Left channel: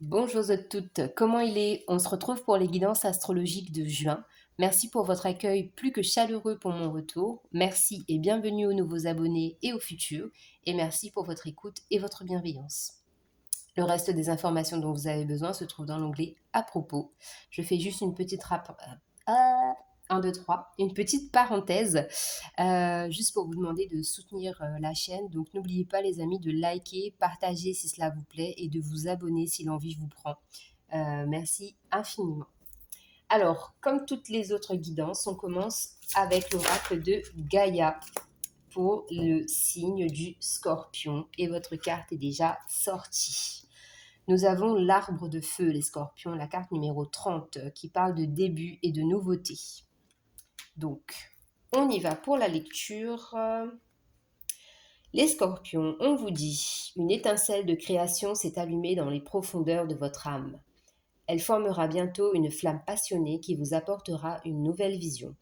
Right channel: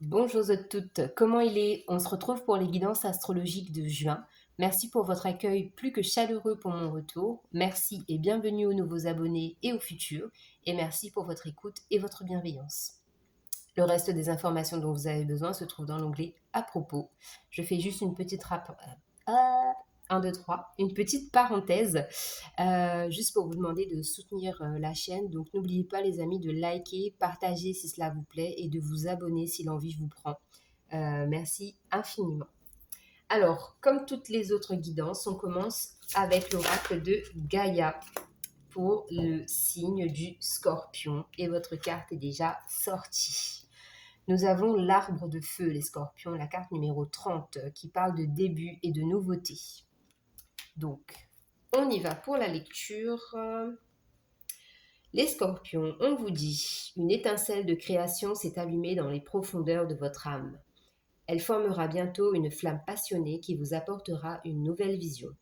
Bonjour à toutes, comment il est? On se retrouve pour les guidances astrologiques de juin. Merci pour votre accueil plus que chaleureux pour mon retour. Merci et bienvenue aux nouveaux abonnés et aux futurs. Et merci pour votre écoute et votre bienveillance. Le reste des informations dont vous avez besoin se trouve dans l'onglet à propos. Je fais juste une petite 1, 2, 3, une petite parenthèse, juste pour vous demander de soutenir la chaîne. Donc n'oubliez pas les amis de liker, partager si cela vous plaît et de vous abonner si l'envie vous prend. Merci infiniment. Alors, comme toutes les autres guidances, on commence avec l'oracle de Gaïa pour le signe du Scorpion et votre carte est déjà sortie. Nous avons l'arbre de feu, les scorpions, la carte numéro 30 qui parle de début et de nouveauté. Donc, on y va pour la lecture. Les scorpions, on vous dit, une étincelle de création s'est allumée dans les profondeurs de votre âme. Elle formera bientôt une flamme passionnée qui vous apportera une nouvelle vision.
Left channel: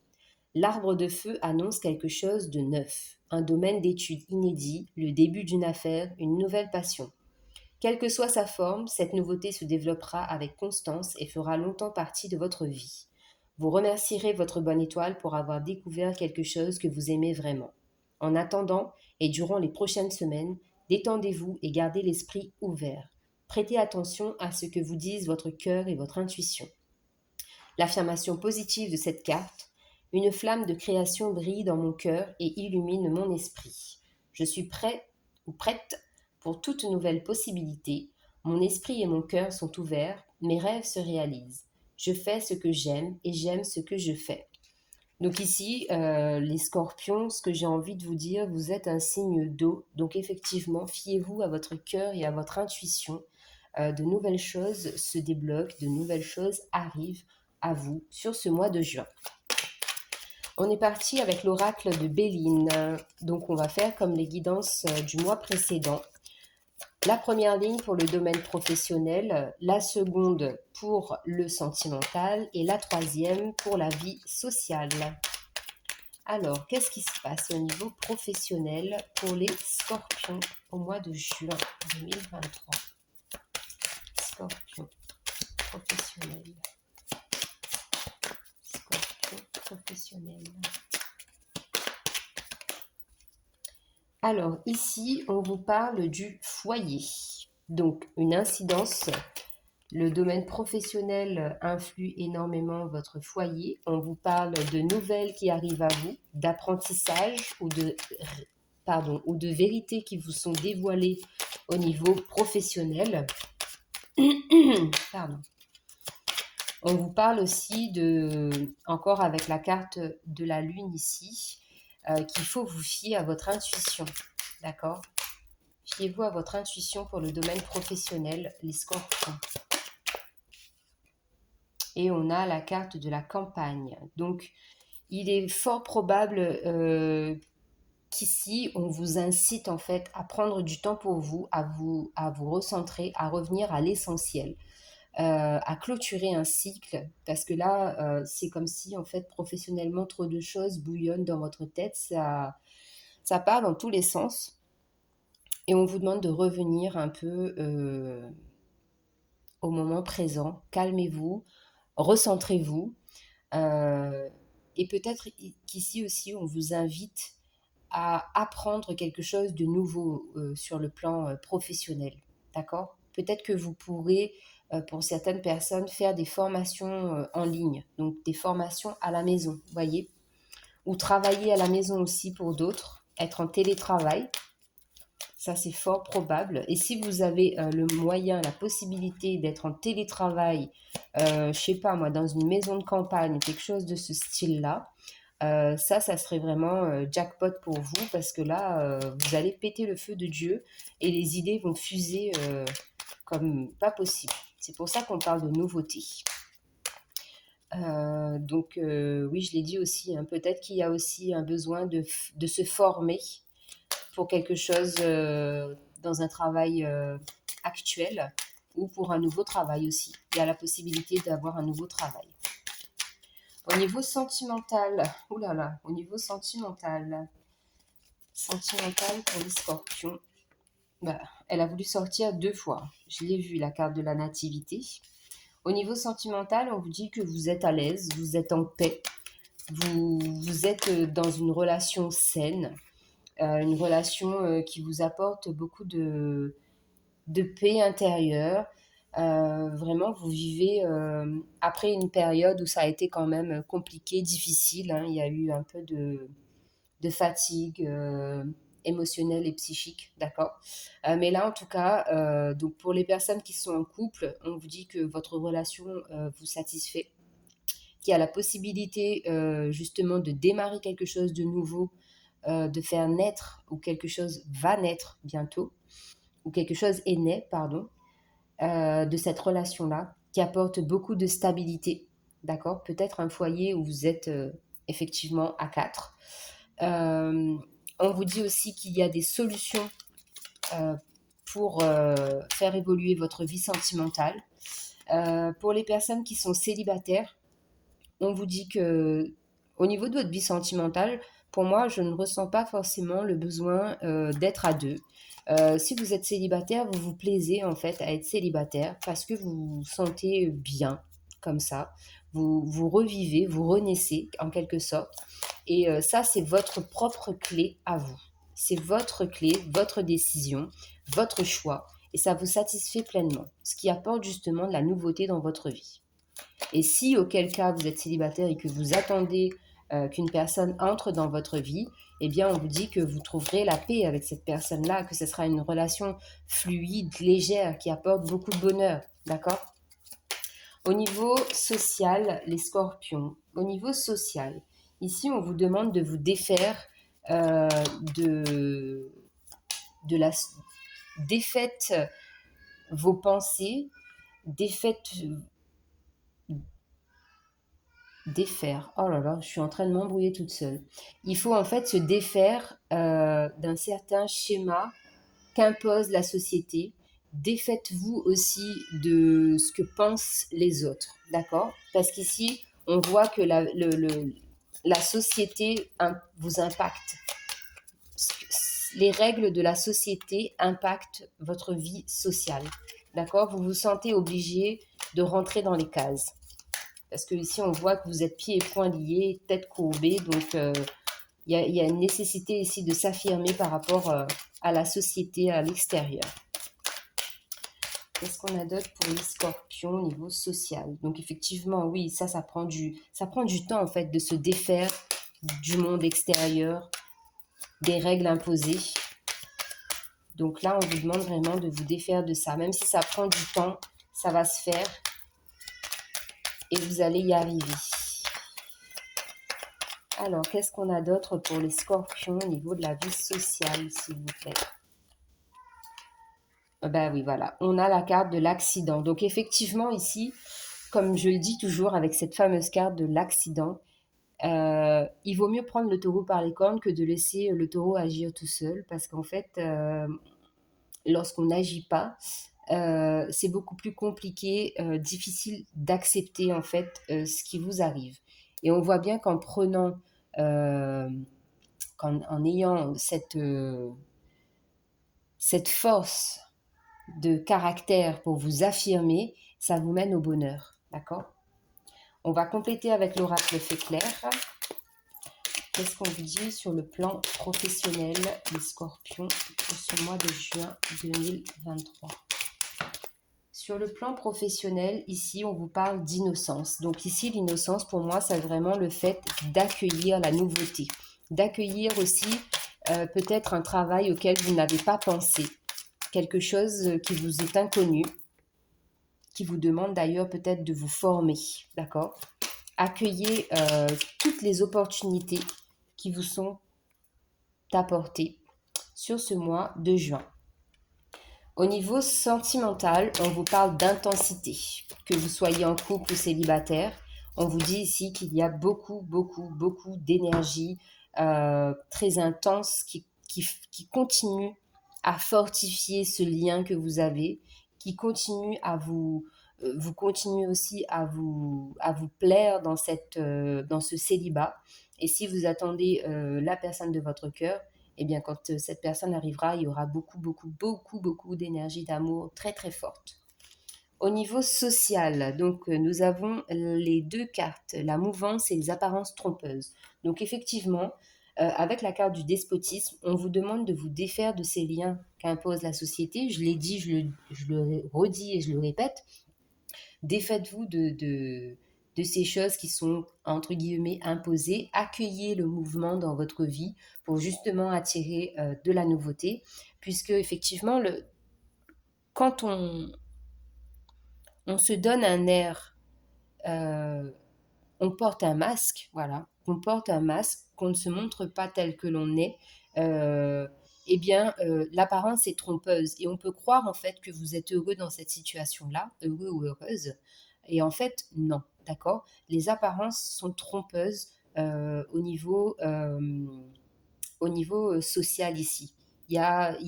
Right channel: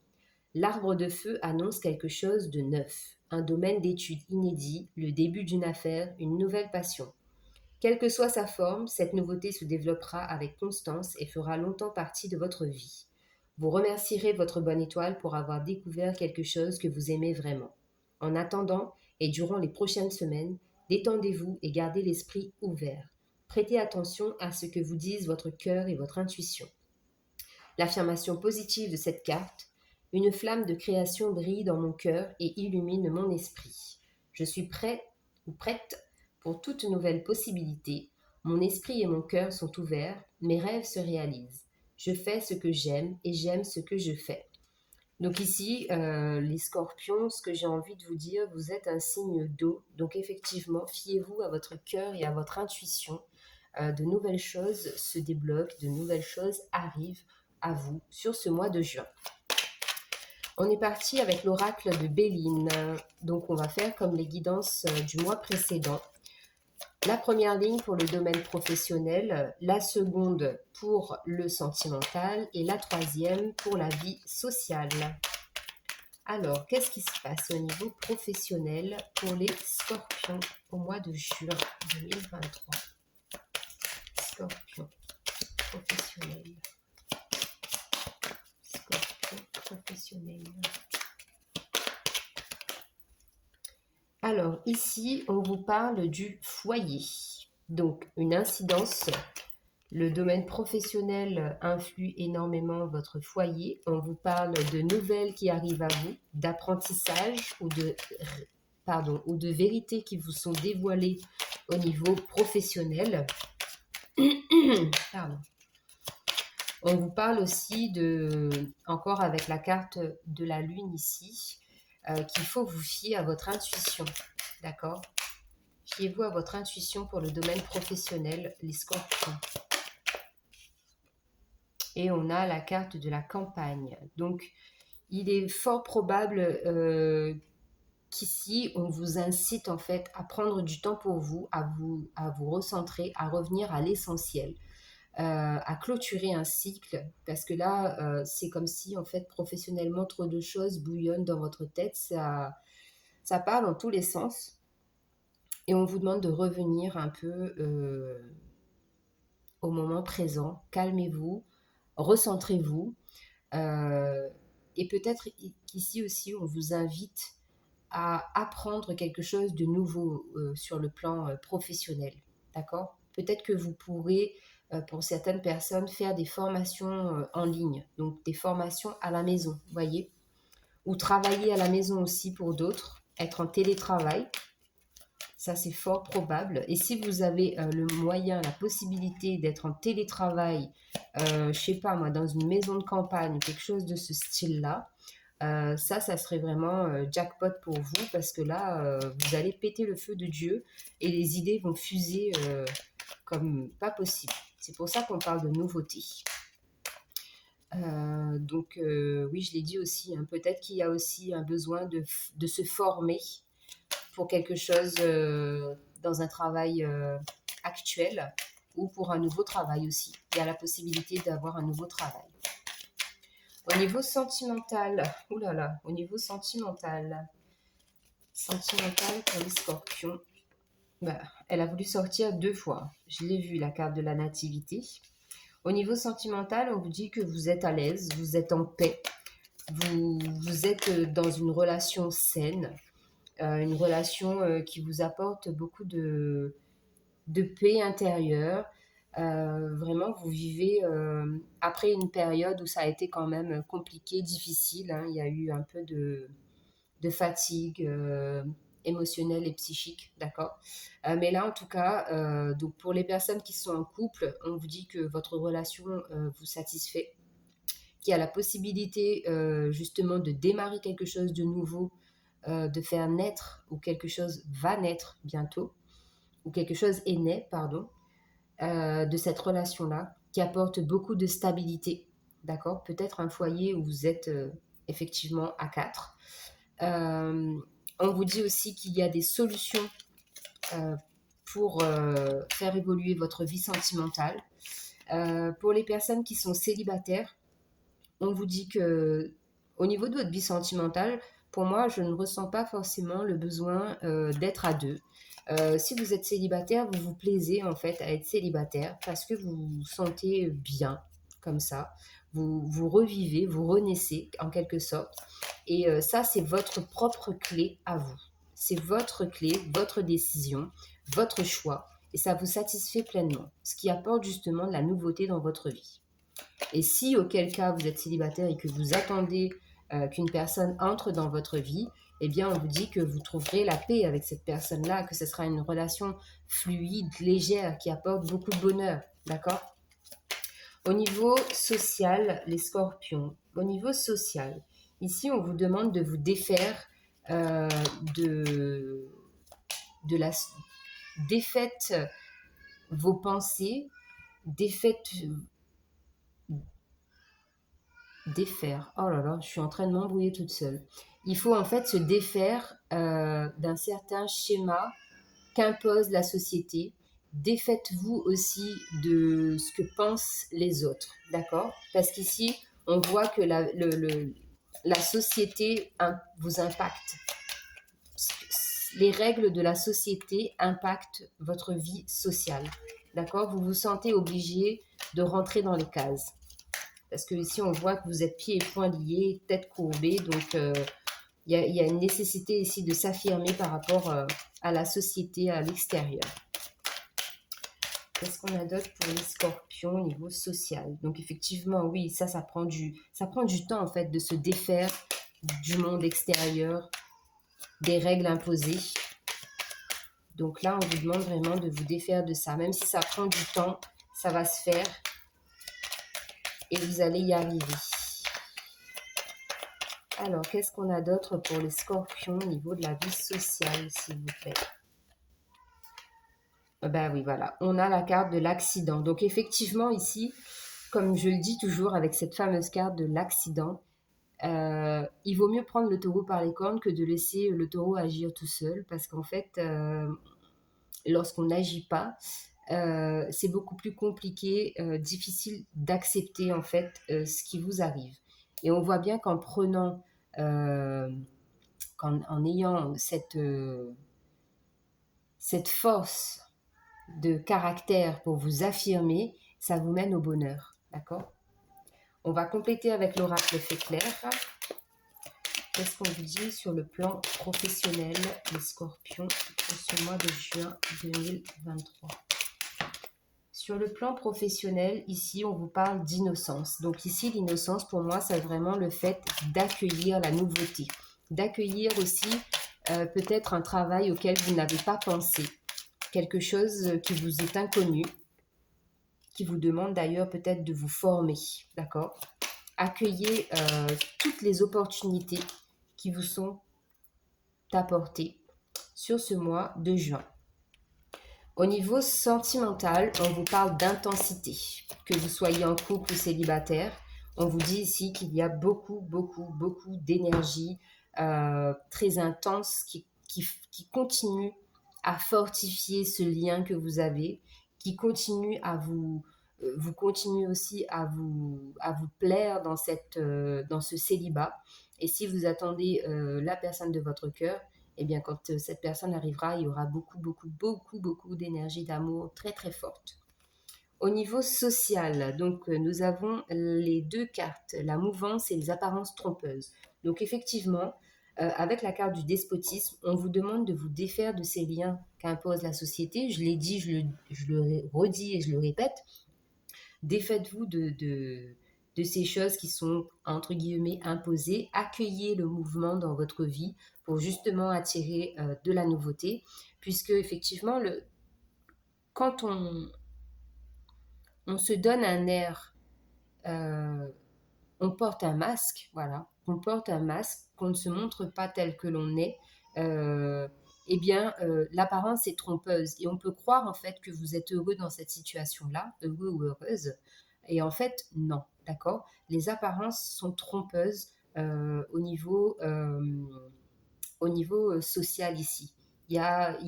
L'arbre de feu annonce quelque chose de neuf, un domaine d'étude inédit, le début d'une affaire, une nouvelle passion. Quelle que soit sa forme, cette nouveauté se développera avec constance et fera longtemps partie de votre vie. Vous remercierez votre bonne étoile pour avoir découvert quelque chose que vous aimez vraiment. En attendant, et durant les prochaines semaines, détendez-vous et gardez l'esprit ouvert. Prêtez attention à ce que vous disent votre cœur et votre intuition. L'affirmation positive de cette carte: une flamme de création brille dans mon cœur et illumine mon esprit. Je suis prêt ou prête pour toute nouvelle possibilité. Mon esprit et mon cœur sont ouverts, mes rêves se réalisent. Je fais ce que j'aime et j'aime ce que je fais. Donc ici, les scorpions, ce que j'ai envie de vous dire, vous êtes un signe d'eau. Donc effectivement, fiez-vous à votre cœur et à votre intuition. De nouvelles choses se débloquent, de nouvelles choses arrivent à vous sur ce mois de juin. On est parti avec l'oracle de Béline. Donc on va faire comme les guidances du mois précédent. La première ligne pour le domaine professionnel, la seconde pour le sentimental et la troisième pour la vie sociale. Alors, qu'est-ce qui se passe au niveau professionnel pour les scorpions au mois de juin 2023? Scorpion professionnel. Scorpion professionnel. Alors, ici, on vous parle du foyer. Donc, une incidence. Le domaine professionnel influe énormément votre foyer. On vous parle de nouvelles qui arrivent à vous, d'apprentissage ou de vérités qui vous sont dévoilées au niveau professionnel. Pardon. On vous parle aussi encore avec la carte de la lune ici, qu'il faut vous fier à votre intuition. D'accord? Fiez-vous à votre intuition pour le domaine professionnel, les scorpions. Et on a la carte de la campagne. Donc, il est fort probable qu'ici, on vous incite en fait à prendre du temps pour vous, à vous recentrer, à revenir à l'essentiel, à clôturer un cycle. Parce que là, c'est comme si en fait, professionnellement, trop de choses bouillonnent dans votre tête. Ça part dans tous les sens. Et on vous demande de revenir un peu au moment présent. Calmez-vous. Recentrez-vous. Et peut-être qu'ici aussi, on vous invite à apprendre quelque chose de nouveau sur le plan professionnel. D'accord? Peut-être que vous pourrez, pour certaines personnes, faire des formations en ligne, donc des formations à la maison, vous voyez? Ou travailler à la maison aussi pour d'autres, être en télétravail. Ça, c'est fort probable. Et si vous avez le moyen, la possibilité d'être en télétravail, je sais pas moi, dans une maison de campagne, quelque chose de ce style-là, ça serait vraiment jackpot pour vous parce que là, vous allez péter le feu de Dieu et les idées vont fuser comme pas possible. C'est pour ça qu'on parle de nouveauté. Donc, oui, je l'ai dit aussi, hein, peut-être qu'il y a aussi un besoin de se former pour quelque chose dans un travail actuel ou pour un nouveau travail aussi. Il y a la possibilité d'avoir un nouveau travail. Au niveau sentimental, sentimental pour les scorpions. Bah, elle a voulu sortir 2 fois. Je l'ai vu, la carte de la nativité. Au niveau sentimental, on vous dit que vous êtes à l'aise, vous êtes en paix, vous êtes dans une relation saine, une relation qui vous apporte beaucoup de paix intérieure. Vraiment, vous vivez après une période où ça a été quand même compliqué, difficile, hein. Il y a eu un peu de fatigue émotionnelle et psychique, d'accord. Mais là, en tout cas, donc pour les personnes qui sont en couple, on vous dit que votre relation vous satisfait, qu'il y a la possibilité justement de démarrer quelque chose de nouveau, de faire naître, ou quelque chose va naître bientôt, ou quelque chose est né, pardon, de cette relation-là, qui apporte beaucoup de stabilité, d'accord. Peut-être un foyer où vous êtes effectivement à quatre. Euh, on vous dit aussi qu'il y a des solutions euh, pour faire évoluer votre vie sentimentale. Pour les personnes qui sont célibataires, on vous dit que au niveau de votre vie sentimentale, pour moi, je ne ressens pas forcément le besoin d'être à deux. Si vous êtes célibataire, vous vous plaisez en fait à être célibataire parce que vous vous sentez bien comme ça. Vous revivez, vous renaissez en quelque sorte. Et ça, c'est votre propre clé à vous. C'est votre clé, votre décision, votre choix. Et ça vous satisfait pleinement, ce qui apporte justement de la nouveauté dans votre vie. Et si, auquel cas, vous êtes célibataire et que vous attendez qu'une personne entre dans votre vie, eh bien, on vous dit que vous trouverez la paix avec cette personne-là, que ce sera une relation fluide, légère, qui apporte beaucoup de bonheur. D'accord. Au niveau social, les scorpions. Au niveau social, ici, on vous demande de vous défaire euh, de, de la défaite vos pensées, défaite défaire. Oh là là, je suis en train de m'embrouiller toute seule. Il faut en fait se défaire d'un certain schéma qu'impose la société. Défaites-vous aussi de ce que pensent les autres, d'accord. Parce qu'ici, on voit que la société vous impacte. Les règles de la société impactent votre vie sociale, d'accord. Vous vous sentez obligé de rentrer dans les cases. Parce que ici, on voit que vous êtes pieds et poings liés, tête courbée. Donc, y a une nécessité ici de s'affirmer par rapport à la société, à l'extérieur. Qu'est-ce qu'on a d'autre pour les scorpions au niveau social? Donc, effectivement, oui, ça prend du temps, en fait, de se défaire du monde extérieur, des règles imposées. Donc là, on vous demande vraiment de vous défaire de ça. Même si ça prend du temps, ça va se faire et vous allez y arriver. Alors, qu'est-ce qu'on a d'autre pour les scorpions au niveau de la vie sociale, s'il vous plaît? Ben oui, voilà. On a la carte de l'accident. Donc, effectivement, ici, comme je le dis toujours avec cette fameuse carte de l'accident, il vaut mieux prendre le taureau par les cornes que de laisser le taureau agir tout seul. Parce qu'en fait, lorsqu'on n'agit pas, c'est beaucoup plus compliqué, difficile d'accepter en fait ce qui vous arrive. Et on voit bien qu'en prenant en ayant cette force de caractère pour vous affirmer, ça vous mène au bonheur. D'accord. On va compléter avec l'oracle fait clair. Qu'est-ce qu'on vous dit sur le plan professionnel, les scorpions, pour ce mois de juin 2023? Sur le plan professionnel, ici, on vous parle d'innocence. Donc ici, l'innocence, pour moi, c'est vraiment le fait d'accueillir la nouveauté. D'accueillir aussi peut-être un travail auquel vous n'avez pas pensé. Quelque chose qui vous est inconnu, qui vous demande d'ailleurs peut-être de vous former. D'accord. Accueillez toutes les opportunités qui vous sont apportées sur ce mois de juin. Au niveau sentimental, on vous parle d'intensité. Que vous soyez en couple ou célibataire, on vous dit ici qu'il y a beaucoup, beaucoup, beaucoup d'énergie très intense qui continue à fortifier ce lien que vous avez, qui continue à vous continuez aussi à vous plaire dans ce célibat. Et si vous attendez la personne de votre cœur, eh bien, quand cette personne arrivera, il y aura beaucoup, beaucoup, beaucoup, beaucoup d'énergie d'amour très, très forte. Au niveau social, donc nous avons les deux cartes, la mouvance et les apparences trompeuses. Donc effectivement, avec la carte du despotisme, on vous demande de vous défaire de ces liens qu'impose la société. Je l'ai dit, je le redis et je le répète. Défaites-vous de ces choses qui sont, entre guillemets, imposées. Accueillez le mouvement dans votre vie pour justement attirer de la nouveauté. Puisque effectivement, quand on se donne un air, euh, on porte un masque, voilà, on porte un masque, qu'on ne se montre pas tel que l'on est, euh, eh bien, l'apparence est trompeuse et on peut croire en fait que vous êtes heureux dans cette situation-là, heureux ou heureuse, et en fait, non, d'accord. Les apparences sont trompeuses au niveau social ici. Il y a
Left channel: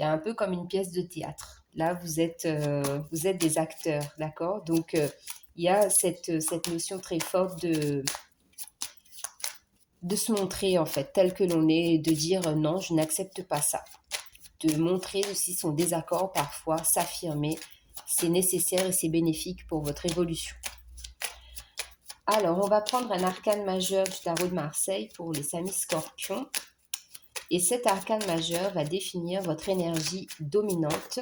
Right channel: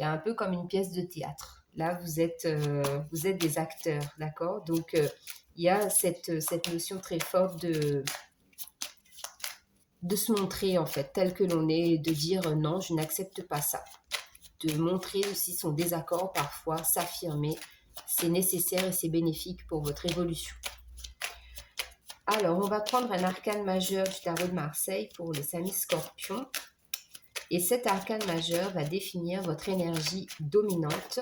un peu comme une pièce de théâtre. Là, vous êtes des acteurs, d'accord. Donc, il y a cette notion très forte de se montrer, en fait, tel que l'on est, de dire non, je n'accepte pas ça. De montrer aussi son désaccord parfois, s'affirmer, c'est nécessaire et c'est bénéfique pour votre évolution. Alors, on va prendre un arcane majeur du tarot de Marseille pour les amis scorpions. Et cet arcane majeur va définir votre énergie dominante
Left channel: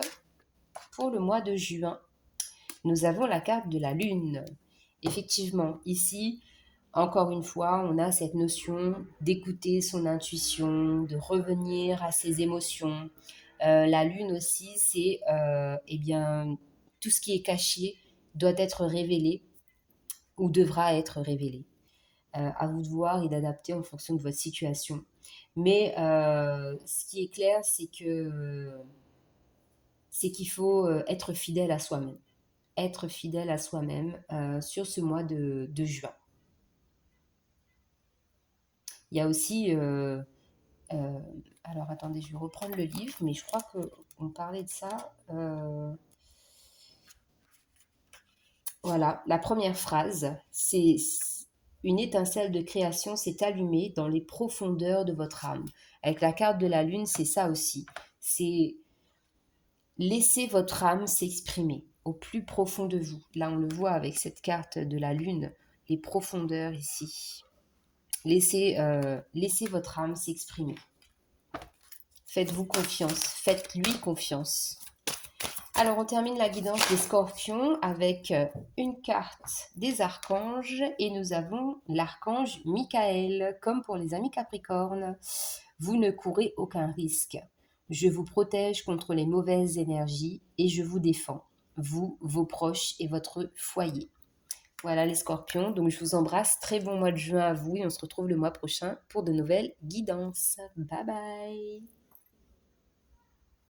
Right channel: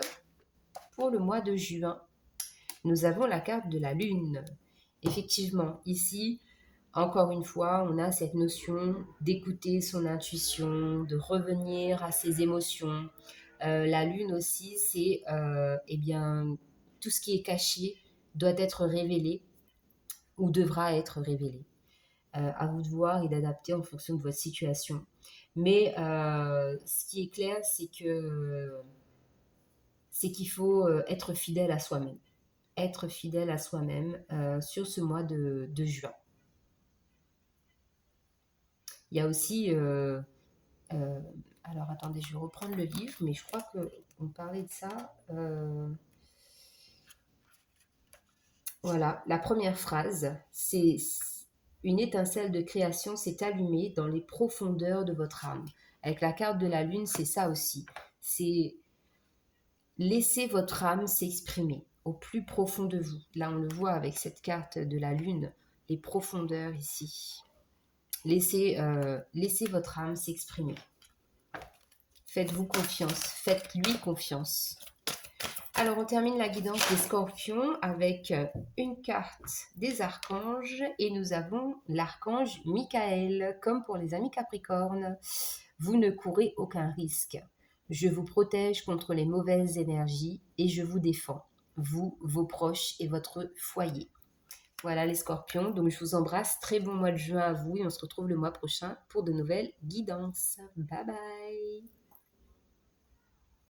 pour le mois de juin. Nous avons la carte de la lune. Effectivement, ici, encore une fois, on a cette notion d'écouter son intuition, de revenir à ses émotions. La lune aussi, c'est eh bien, tout ce qui est caché doit être révélé ou devra être révélé. À vous de voir et d'adapter en fonction de votre situation. Mais ce qui est clair, c'est qu'il faut être fidèle à soi-même. Être fidèle à soi-même sur ce mois de juin. Il y a aussi... alors attendez, je vais reprendre le livre, mais je crois qu'on parlait de ça. Voilà, la première phrase, c'est une étincelle de création s'est allumée dans les profondeurs de votre âme. Avec la carte de la lune, c'est ça aussi. C'est laisser votre âme s'exprimer au plus profond de vous. Là, on le voit avec cette carte de la lune, les profondeurs ici. Laissez votre âme s'exprimer. Faites-vous confiance, faites-lui confiance. Alors, on termine la guidance des scorpions avec une carte des archanges et nous avons l'archange Michael, comme pour les amis capricornes. Vous ne courez aucun risque. Je vous protège contre les mauvaises énergies et je vous défends, vous, vos proches et votre foyer. Voilà les scorpions, donc je vous embrasse. Très bon mois de juin à vous et on se retrouve le mois prochain pour de nouvelles guidances. Bye bye!